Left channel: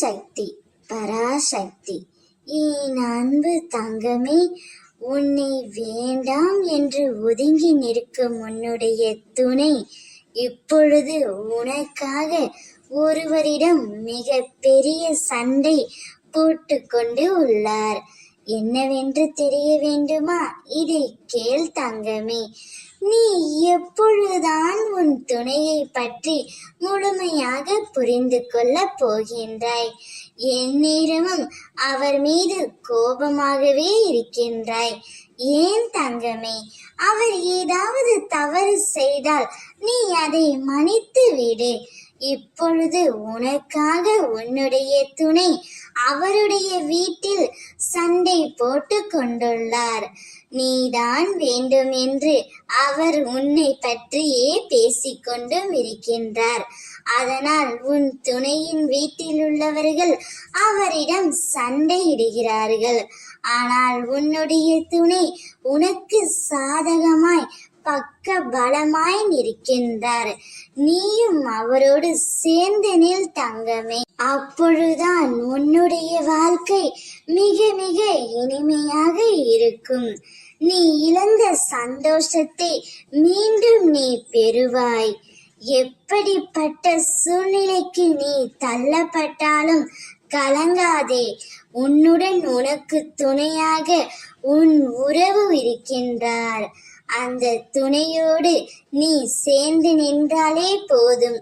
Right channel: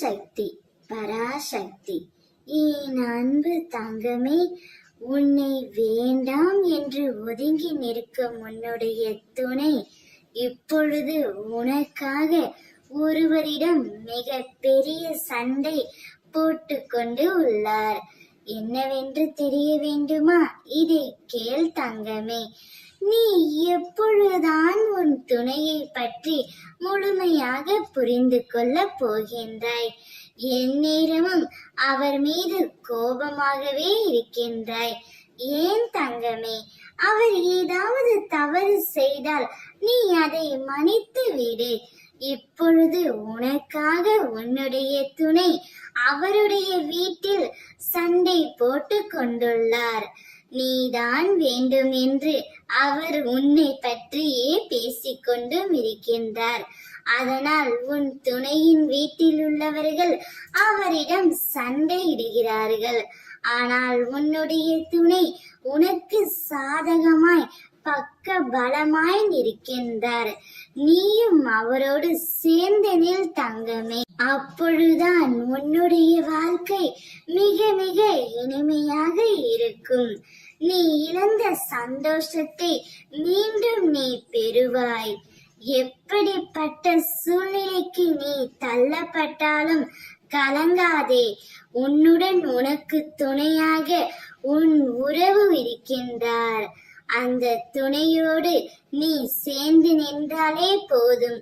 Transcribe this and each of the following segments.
சக்தி பராசக்தி. என் அன்பு தங்கமே, உன்னை வேண்டாம் என்று ஒதுங்கி நிற்கும் உன்னுடைய துணை இப்பொழுது உனக்காக ஒருவரிடம் மிக பெரிய சண்டை போட்டு கொண்டு உள்ளார். என்னவென்று தெரிய வேண்டுமா? இதை கேள் தங்கமே. நீ எப்பொழுதுதான் உன் துணையை பற்றி முழுமையாக புரிந்து கொள்ள போகின்றாய்? எந்நேரமும் அவர் மீது கோபமாகவே இருக்கின்றாய். ஏன் தங்கமே? அவர் ஏதாவது தவறு செய்தால் நீ அதை மன்னித்து விடு. இப்பொழுது உனக்காக உன்னுடைய துணை அவருடைய வீட்டில் சண்டை போட்டு கொண்டுள்ளார். நீதான் வேண்டும் என்று அவர் உன்னை பற்றியே பேசிக்கொண்டும் இருக்கின்றார். அதனால் உன் துணையின் வீட்டில் உள்ளவர்கள் அவரிடம் சண்டையிடுகிறார்கள். ஆனால் உன்னுடைய துணை உனக்கு சாதகமாய் பக்க பலமாய் நிற்கின்றார். நீயும் அவரோடு சேர்ந்து நில் தங்கமே. அப்பொழுதுதான் உன்னுடைய வாழ்க்கை மிக மிக இனிமையாக இருக்கும். நீ இழந்த சந்தோஷத்தை மீண்டும் நீ பெறுவாய். எப்படிப்பட்ட சூழ்நிலைக்கு நீ தள்ளப்பட்டாலும் கலங்காதே. உன்னுடன் உனக்கு துணையாக உன் உறவு இருக்கின்றார். அந்த துணையோடு நீ சேர்ந்து நின்றாலே போதும்.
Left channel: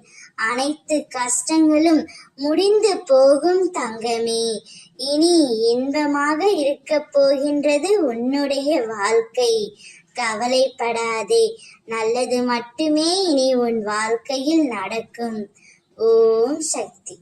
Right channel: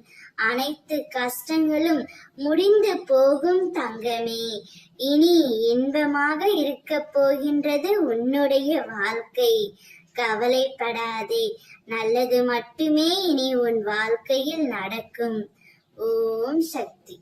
அனைத்து கஷ்டங்களும் முடிந்து போகும் தங்கமே. இனி இன்பமாக இருக்க போகின்றது உன்னுடைய வாழ்க்கை. கவலைப்படாதே. நல்லது மட்டுமே இனி உன் வாழ்க்கையில் நடக்கும். ஓம் சக்தி.